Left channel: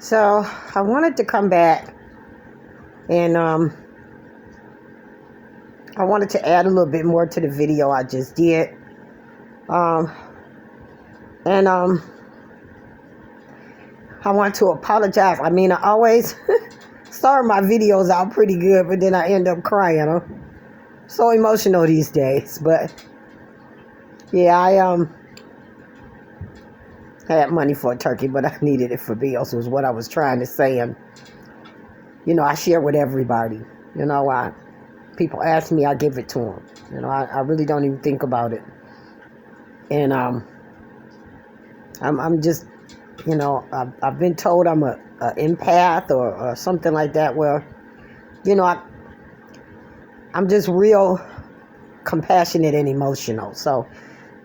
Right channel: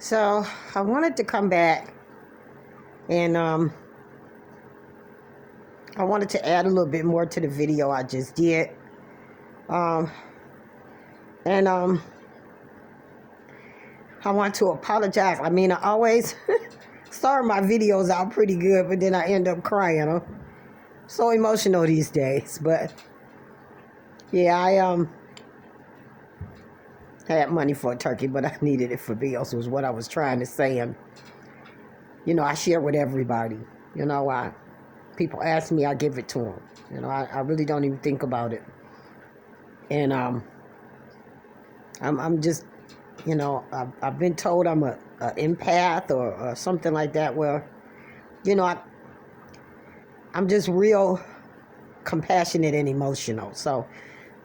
So I wanted to come back and I wanted to add a little bit more to the video I just did. Um, and I want to apologize. I mean, I always start my videos out pretty good, but then I end up crying. I'm so emotional these days. But yeah, I had money for a turkey, but I needed it for bills, was what I was trying to say. And I share with everybody. People ask me, I give it to them. I really don't even think about it. And I'm just, I've been told I'm a empath or something like that. Where, I'm just real compassionate and emotional. So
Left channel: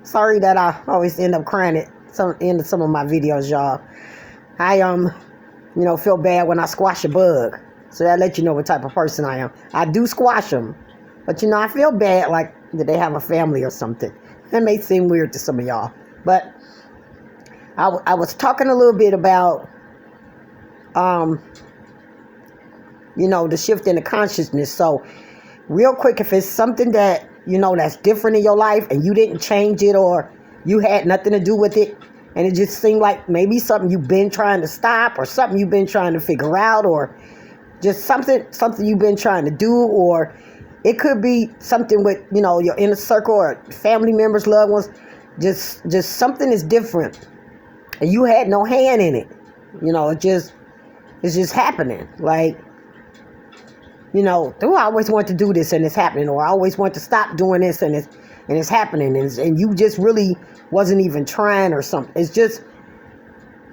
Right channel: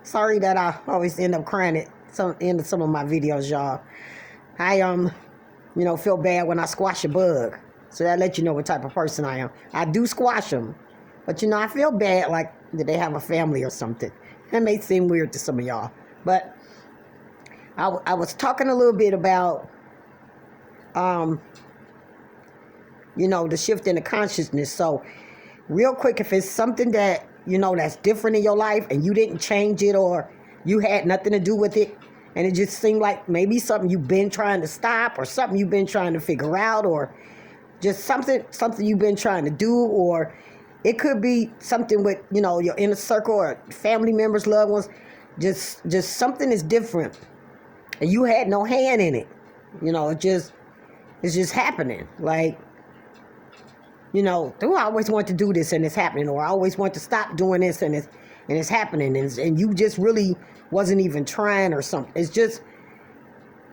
sorry that I always end up crying at some of my videos, y'all. I feel bad when I squash a bug. So that lets you know what type of person I am. I do squash them. But, I feel bad like that they have a family or something. That may seem weird to some of y'all. But I was talking a little bit about, the shift in the consciousness. So real quick, if it's something that, that's different in your life and you didn't change it or you had nothing to do with it, and it just seemed like maybe something you've been trying to stop or something you've been trying to figure out or just something you've been trying to do, or it could be something with, your inner circle or family members, loved ones, just something is different and you had no hand in it. It's just happening. Like, I always want to do this and it's happening, or I always want to stop doing this and it's happening, and you just really wasn't even trying or something. It's just,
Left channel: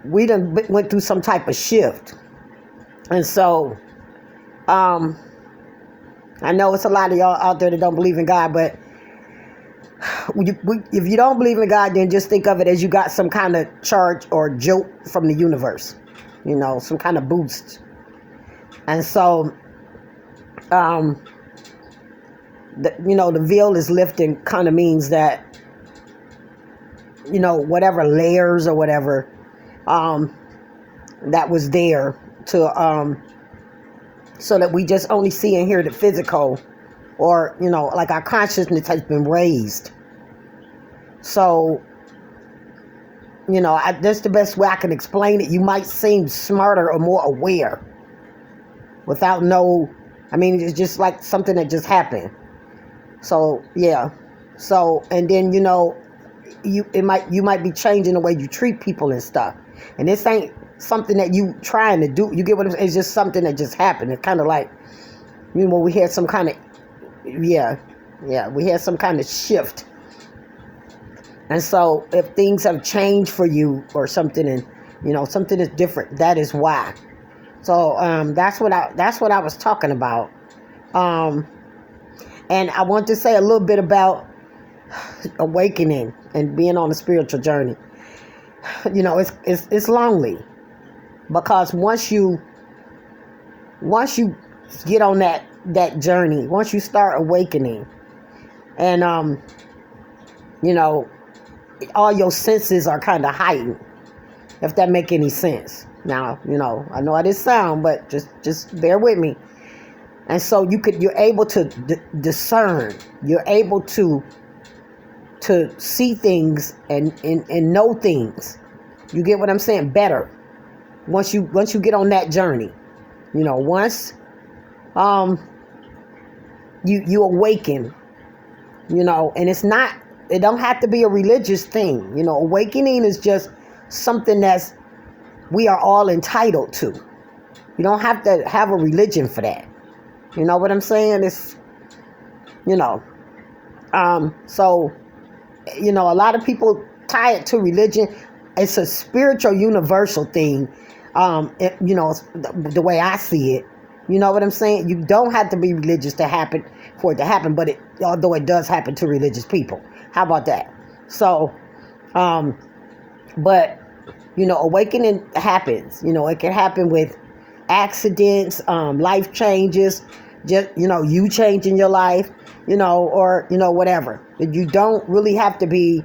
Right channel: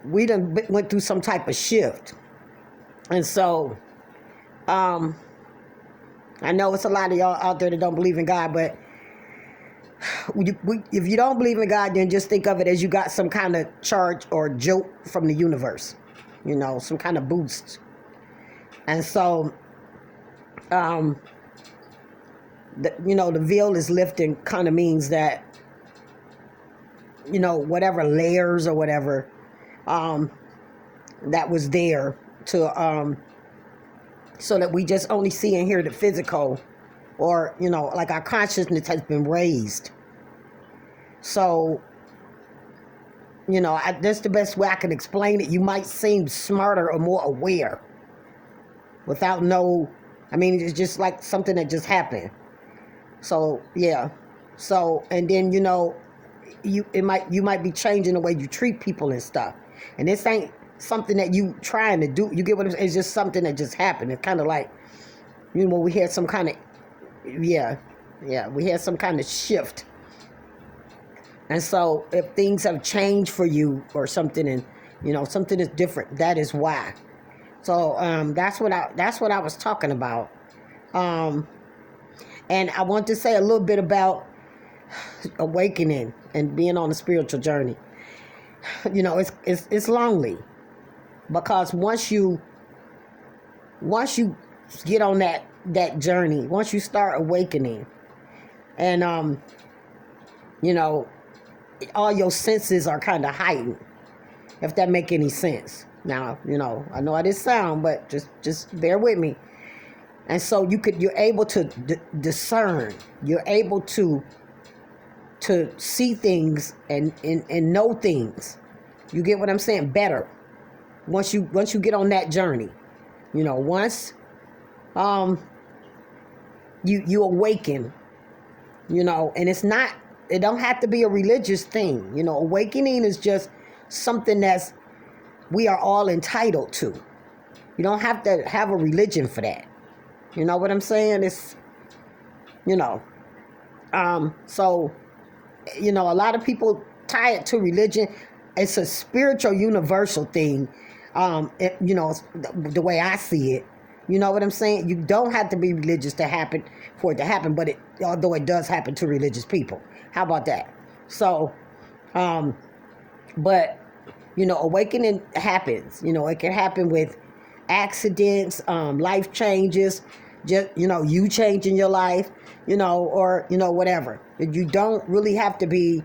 we done went through some type of shift. And so, I know it's a lot of y'all out there that don't believe in God, but if you don't believe in God, then just think of it as you got some kind of charge or jolt from the universe, some kind of boost. And so, the veil is lifting kind of means that, whatever layers or whatever, that was there to, so that we just only see and hear the physical, or, like our consciousness has been raised. So, that's the best way I can explain it. You might seem smarter or more aware without it's just like something that just happened. So, yeah. So, and then, you might be changing the way you treat people and stuff. And this ain't something that you trying to do. You get what I'm saying? It's just something that just happened. It's kind of like, we had some kind of, we had some kind of shift. And so if things have changed for you or something, and, something is different, that is why. So that's what I was talking about. And I want to say a little bit about awakening and being on a spiritual journey. It's lonely, because once you get on that journey, once you start awakening, and all your senses are kind of heightened, if that make any sense. Now, I know how this sound, but just bear with me. And so you're able to discern, you're able to see things and know things. You get what I'm saying? Better. Once you get on that journey, once you awaken, and it don't have to be a religious thing. Awakening is just something we are all entitled to. You don't have to have a religion for that. You know what I'm saying? It's, so, a lot of people tie it to religion. It's a spiritual, universal thing. The way I see it. You know what I'm saying? You don't have to be religious for it to happen, but although it does happen to religious people. How about that? So, but, awakening happens. It can happen with accidents, life changes, just, you changing your life, or, whatever. You don't really have to be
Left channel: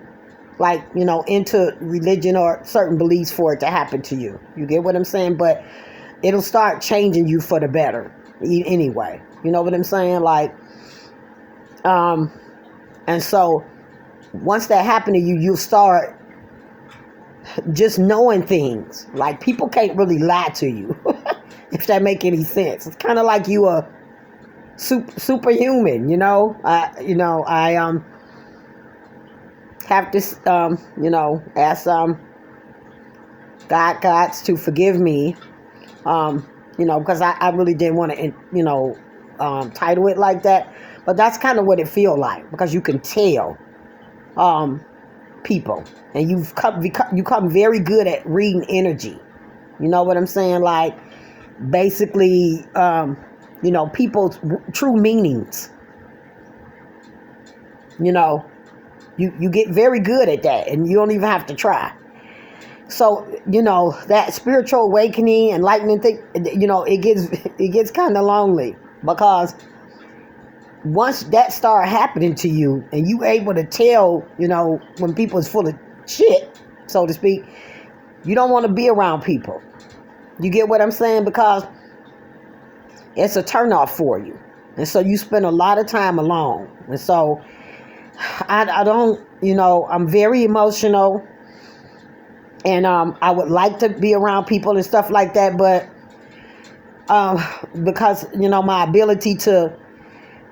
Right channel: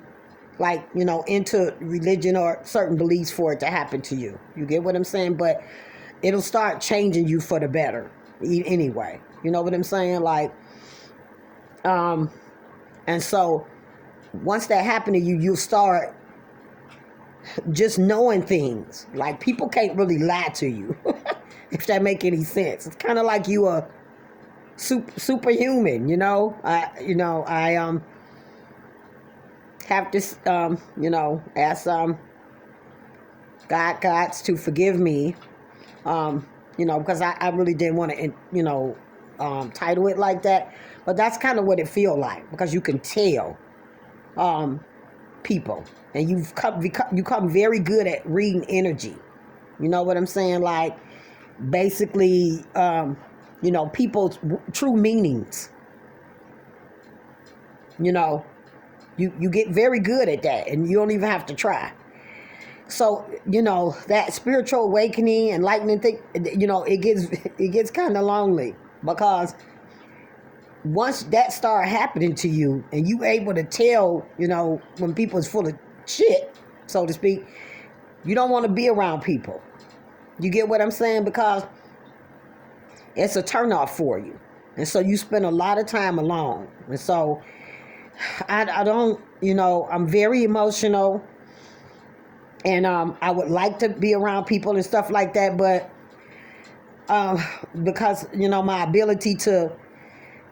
like, into religion or certain beliefs for it to happen to you. You get what I'm saying? But it'll start changing you for the better anyway. You know what I'm saying? Like, and so once that happened to you, you'll start just knowing things. Like, people can't really lie to you, if that make any sense. It's kind of like you are superhuman, I have this, ask God to forgive me, because I really didn't want to, title it like that, but that's kind of what it feel like, because you can tell people, and you become very good at reading energy. You know what I'm saying? Like, basically, people's true meanings. You get very good at that, and you don't even have to try. So, that spiritual awakening, enlightenment thing, it gets kind of lonely, because once that start happening to you, and you able to tell, when people's full of shit, so to speak, you don't want to be around people. You get what I'm saying? Because it's a turnoff for you. And so you spend a lot of time alone. And so I don't, I'm very emotional, and I would like to be around people and stuff like that, but because, my ability to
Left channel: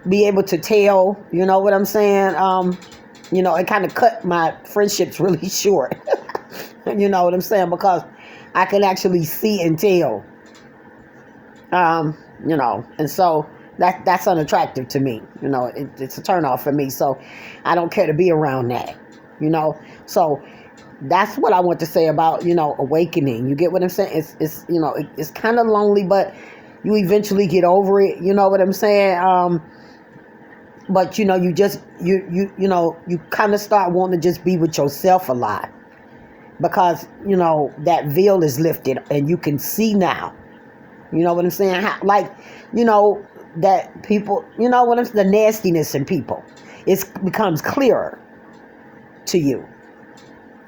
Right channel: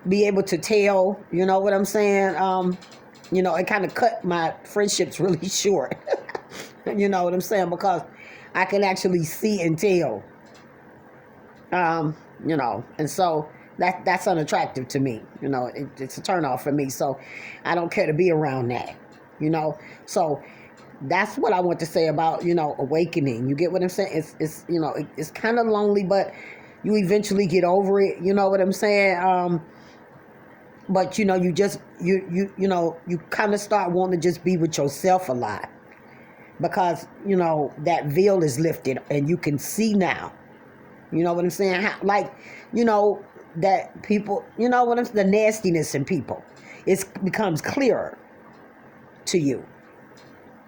be able to tell, you know what I'm saying, it kind of cut my friendships really short. You know what I'm saying? Because I can actually see and tell, and so that's unattractive to me. It's a turnoff for me. So I don't care to be around that, so that's what I want to say about, awakening. You get what I'm saying? It's kind of lonely, but you eventually get over it. You know what I'm saying? But you kind of start wanting to just be with yourself a lot, because that veil is lifted and you can see now. You know what I'm saying? That people, the nastiness in people, it becomes clearer to you.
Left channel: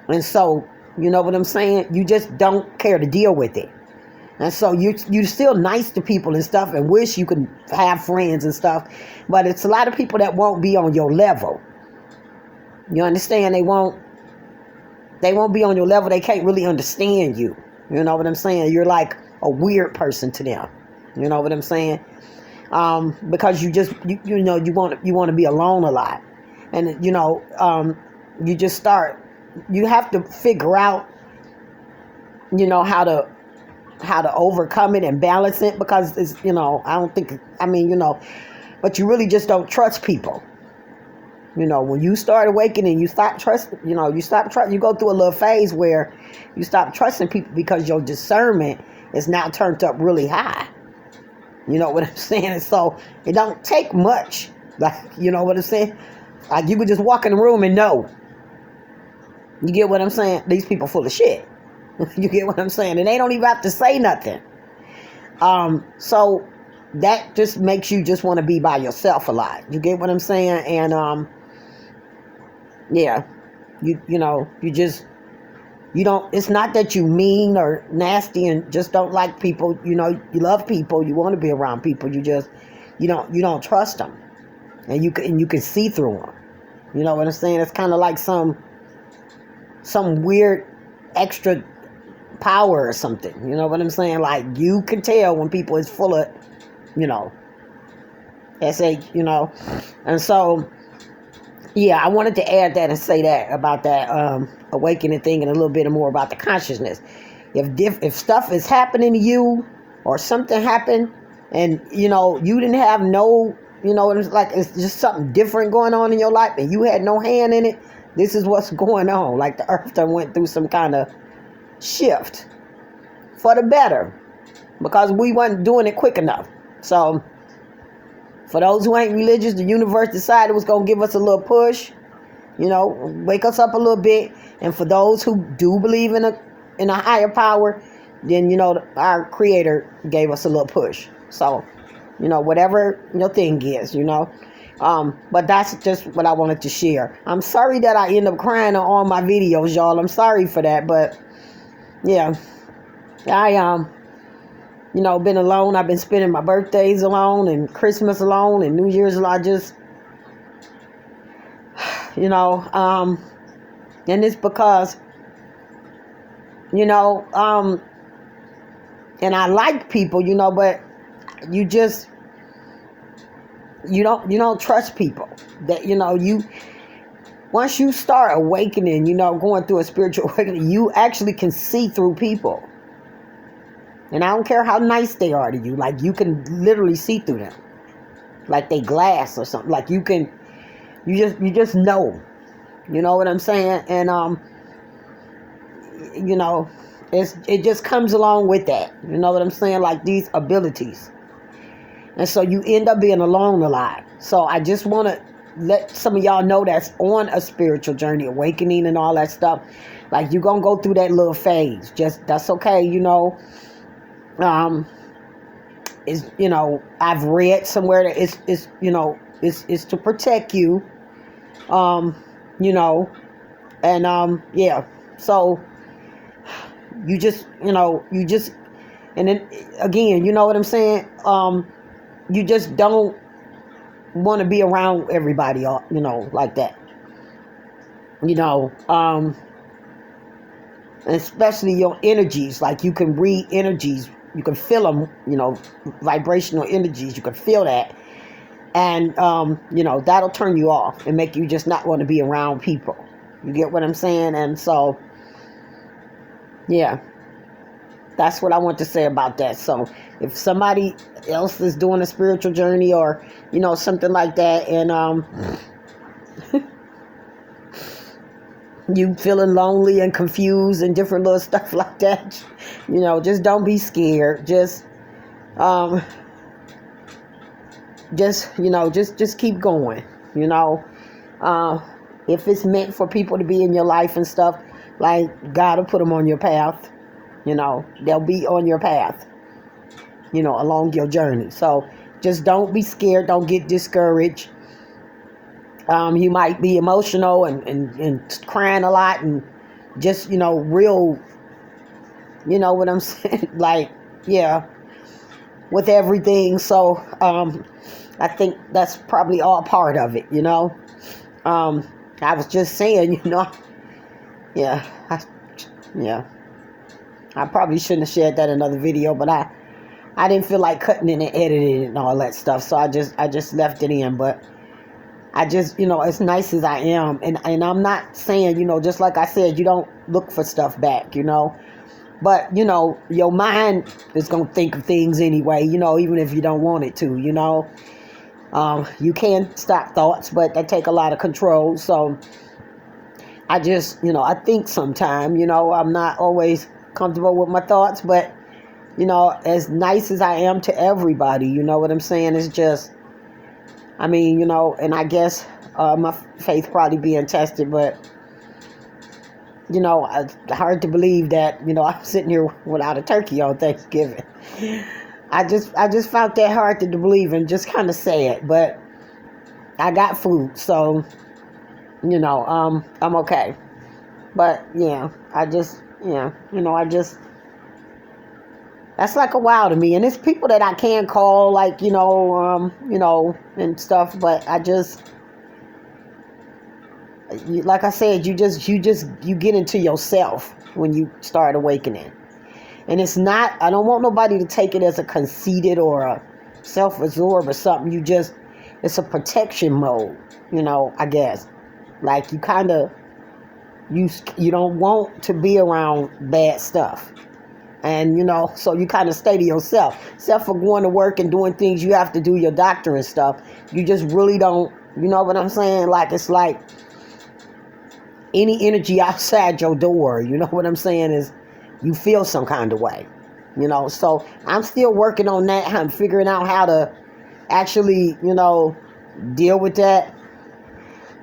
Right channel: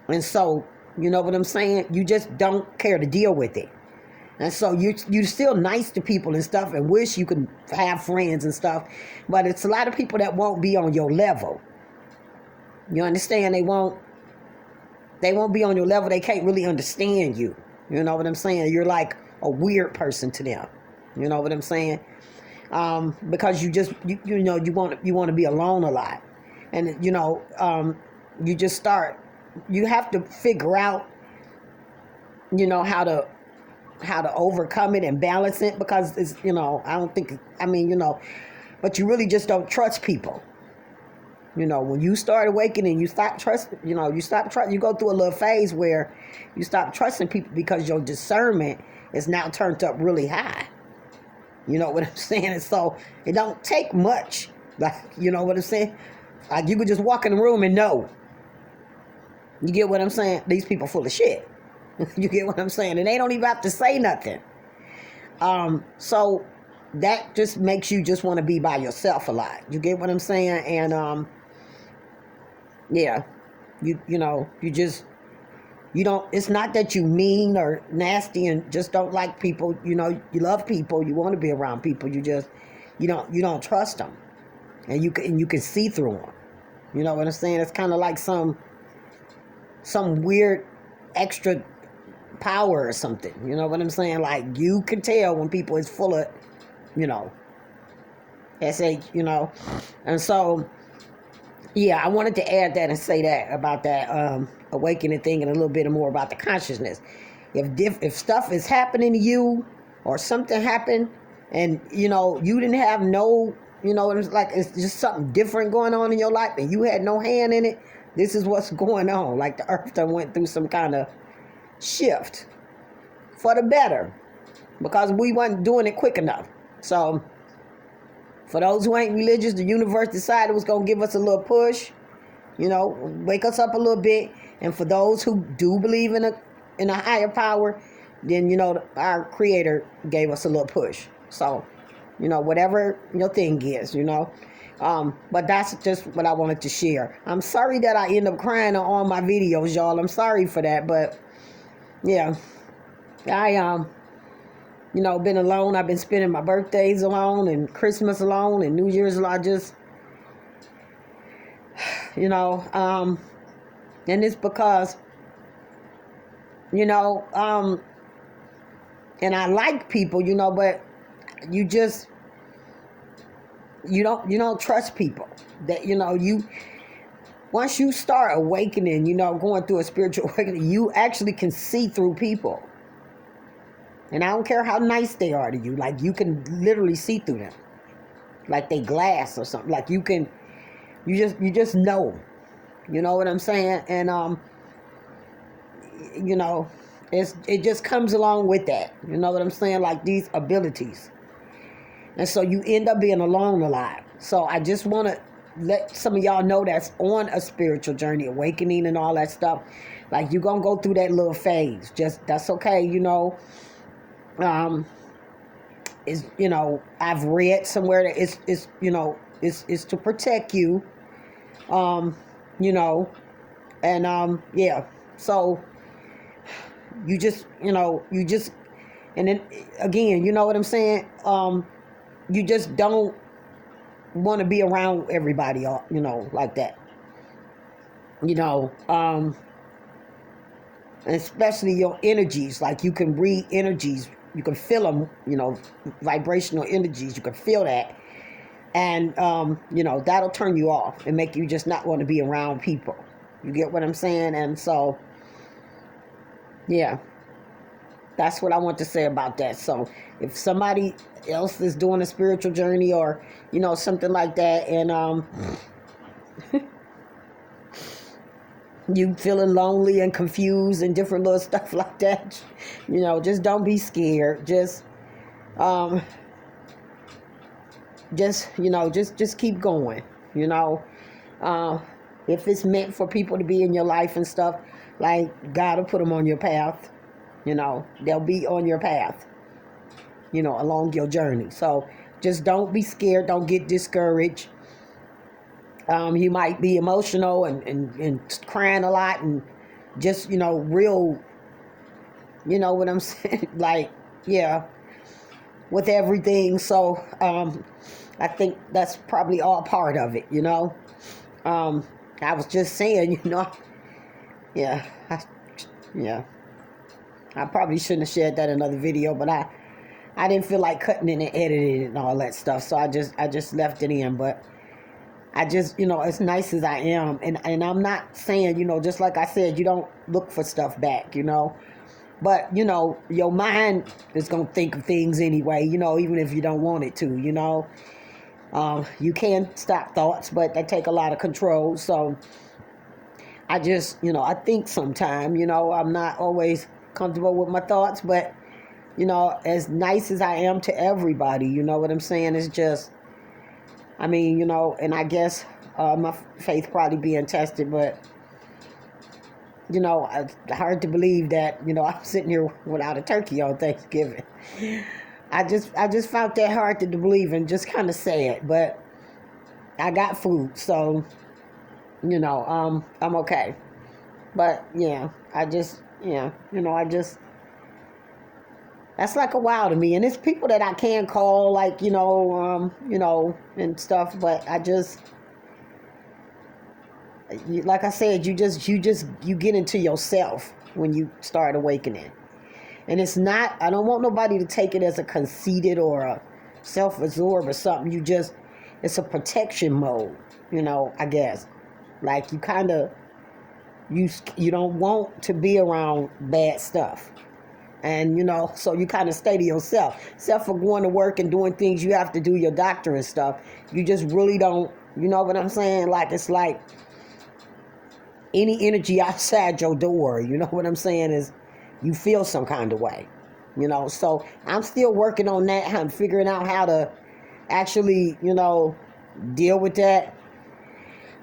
And so, you know what I'm saying? You just don't care to deal with it. And so you're still nice to people and stuff, and wish you could have friends and stuff. But it's a lot of people that won't be on your level. You understand? They won't be on your level. They can't really understand you. You know what I'm saying? You're like a weird person to them. You know what I'm saying? Because you want to be alone a lot. And you just start, you have to figure out, how to overcome it and balance it, because it's, but you really just don't trust people. When you start awakening, you stop trusting, you go through a little phase where you stop trusting people, because your discernment is now turned up really high. You know what I'm saying? And so it don't take much. Like, you know what I'm saying? Like, you could just walk in the room and know. You get what I'm saying? These people full of shit. You get what I'm saying? And they don't even have to say nothing. So that just makes you just want to be by yourself a lot. You get what I'm saying? And yeah, you don't, it's not that you mean or nasty and just don't like people. You love people, you want to be around people, you don't trust them, and you can see through them. You know what I'm saying? It's kind of like some weird extra power or something. You know what I'm saying? Like, you can tell when people is full of, and so, yeah, I wanted to add that and say that about that awakening thing, and a little bit more about the consciousness. If stuff is happening to you, or something happened, and you didn't have no, it's like it's just something different going on in your life, and you had no hand in it. This is what's going on. Like, the earth done went through some kind of shift for the better, because we wasn't doing it quick enough. So for those who ain't religious, the universe decided it was going to give us a little push, wake us up a little bit. And for those who do believe in a higher power, then our creator gave us a little push. So whatever your thing is, But that's just what I wanted to share. I'm sorry that I end up crying on all my videos, y'all. I'm sorry for that, but yeah, I been alone. I've been spending my birthdays alone and Christmas alone and New Year's alone. I just, you know, and it's because, you know, and I like people, you know, but you just, you don't trust people. That, you know, once you start awakening, you know, going through a spiritual awakening, you actually can see through people. And I don't care how nice they are to you, like you can literally see through them, like they glass or something. Like you just know, you know what I'm saying? And you know, it just comes along with that, you know what I'm saying? Like these abilities, and so you end up being alone a lot. So I just want to let some of y'all know that's on a spiritual journey, awakening and all that stuff. Like you're gonna go through that little phase. Just that's okay, you know. Is, you know, I've read somewhere that it's you know, it's to protect you, you know, and yeah. So you just, you know, and then again, you know what I'm saying? You just don't want to be around everybody, you know, like that. You know, and especially your energies. Like you can read energies, you can feel them, you know, vibrational energies. You can feel that, and you know, that'll turn you off and make you just not want to be around people. You get what I'm saying? And so, yeah, that's what I want to say about that. So if somebody else is doing a spiritual journey or, you know, something like that, and you feeling lonely and confused and different little stuff like that, you know, just don't be scared. Just you know, just keep going, you know. If it's meant for people to be in your life and stuff, like God will put them on your path, you know, they'll be on your path, you know, along your journey. So just don't be scared, don't get discouraged. You might be emotional and crying a lot and just, you know, real, you know what I'm saying? Like, yeah, with everything. So I think that's probably all part of it, you know. I was just saying, you know, yeah, I probably shouldn't have shared that in another video, but I didn't feel like cutting it and editing it and all that stuff, so I just left it in. But I just, you know, as nice as I am, and I'm not saying, you know, just like I said, you don't look for stuff back, you know. But, you know, your mind is going to think of things anyway, you know, even if you don't want it to, you know. You can stop thoughts, but they take a lot of control. So I just, you know, I think sometimes, you know, I'm not always comfortable with my thoughts, but, you know, as nice as I am to everybody, you know what I'm saying? It's just, I mean, you know, and I guess my faith probably being tested, but, you know, it's hard to believe that, you know, I'm sitting here without a turkey on Thanksgiving. I just found that hard to believe and just kind of sad, but I got food, so, you know, I'm okay. But yeah, you know, that's like a wow to me. And it's people that I can call, like, you know, and stuff, but I just, like I said, you get into yourself when you start awakening. And it's not, I don't want nobody to take it as a conceited or a self-absorbed or something. It's a protection mode, you know, I guess. Like you kind of, you don't want to be around bad stuff. And, you know, so you kind of stay to yourself. Except for going to work and doing things you have to do, your doctor and stuff. You just really don't, you know what I'm saying? Like, it's like any energy outside your door, you know what I'm saying, is you feel some kind of way, you know. So I'm still working on that. I'm figuring out how to actually, you know, deal with that.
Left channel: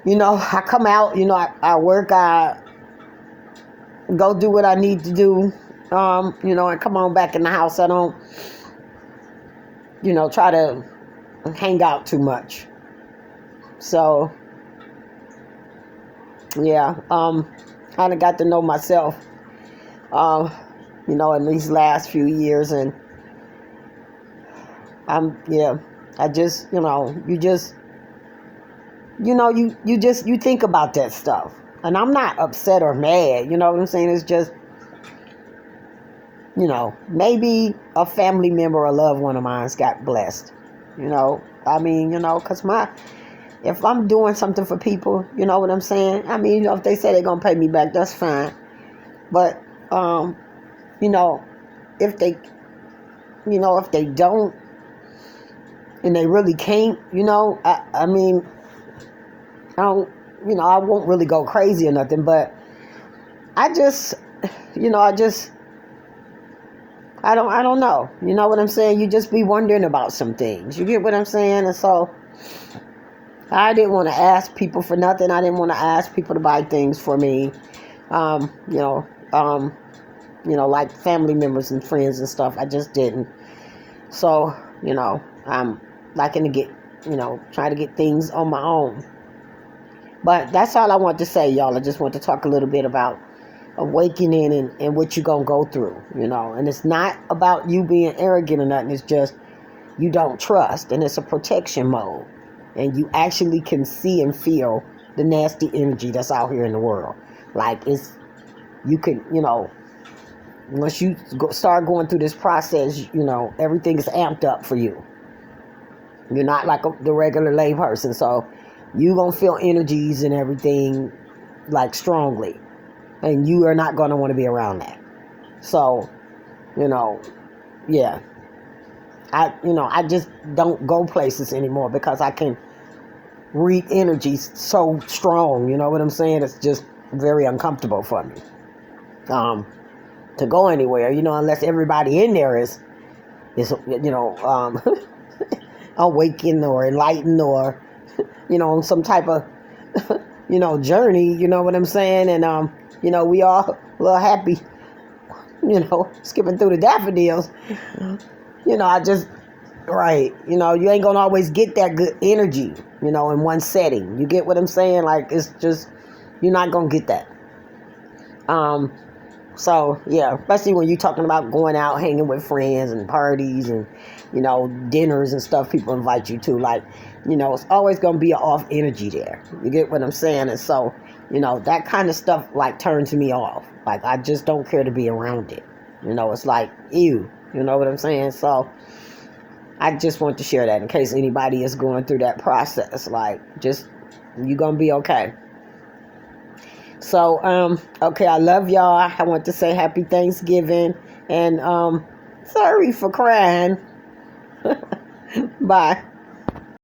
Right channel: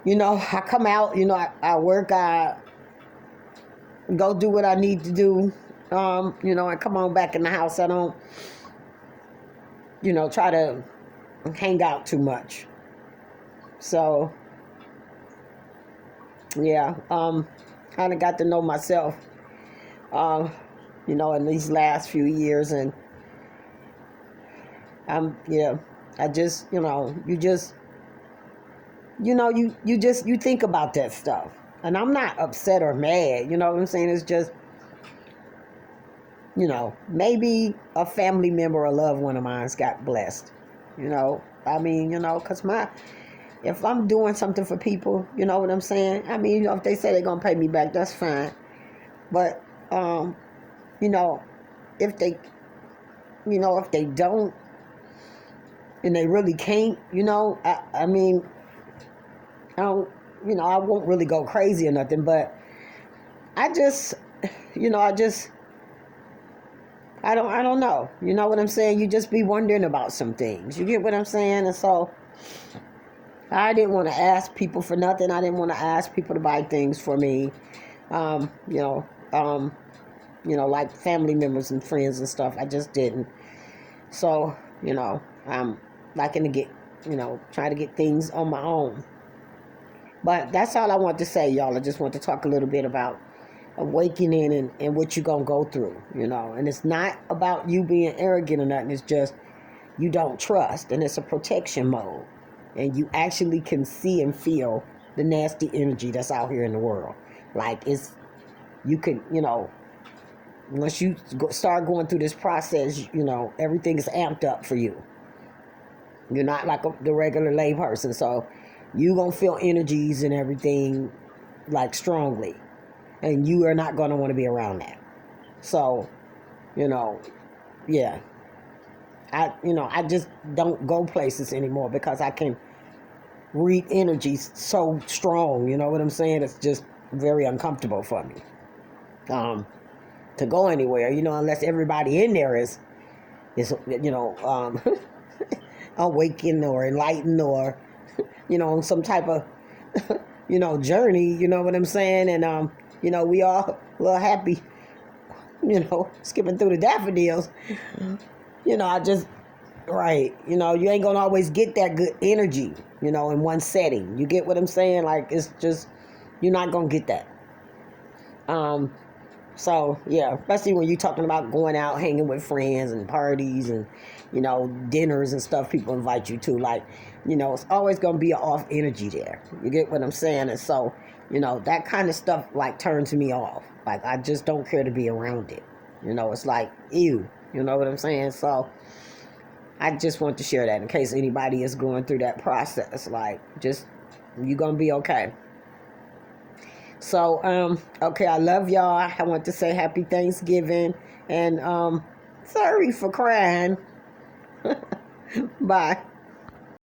You know, I come out, you know, I work, I go do what I need to do, you know, and come on back in the house. I don't, you know, try to hang out too much. So yeah, kind of got to know myself, uh, in these last few years, and yeah, I just, you think about that stuff, and I'm not upset or mad. You know what I'm saying? It's just, maybe a family member or a loved one of mine's got blessed. I mean, because if I'm doing something for people, you know what I'm saying? I mean, if they say they're going to pay me back, that's fine. But, you know, if they, if they don't and they really can't, I mean, I don't, I won't really go crazy or nothing, but I just, I don't know. You know what I'm saying? You just be wondering about some things. You get what I'm saying? And so I didn't want to ask people for nothing. I didn't want to ask people to buy things for me. Um, you know, um, like family members and friends and stuff. I just didn't. So, I'm liking to get, try to get things on my own. But that's all I want to say, y'all. I just want to talk a little bit about awakening and what you're going to go through, And it's not about you being arrogant or nothing. It's just you don't trust. And it's a protection mode. And you actually can see and feel the nasty energy that's out here in the world. Like, you can, once you start going through this process, everything is amped up for you. You're not like the regular lay person. So you're going to feel energies and everything like strongly. And you are not going to want to be around that. So, yeah. I just don't go places anymore because I can read energies so strong. You know what I'm saying? It's just very uncomfortable for me. To go anywhere, unless everybody in there is awakened or enlightened or, on some type of, journey, you know what I'm saying? And, we all a little happy, skipping through the daffodils. I just, right, you ain't gonna always get that good energy, in one setting. You get what I'm saying? Like, it's just, you're not gonna get that. So, yeah, especially when you're talking about going out, hanging with friends and parties and, dinners and stuff people invite you to. Like, it's always going to be an off energy there. You get what I'm saying? And so, that kind of stuff, like, turns me off. Like, I just don't care to be around it. It's like, ew. You know what I'm saying? So, I just want to share that in case anybody is going through that process. Like, just, you're going to be okay. So, okay, I love y'all. I want to say happy Thanksgiving. And, sorry for crying. Bye.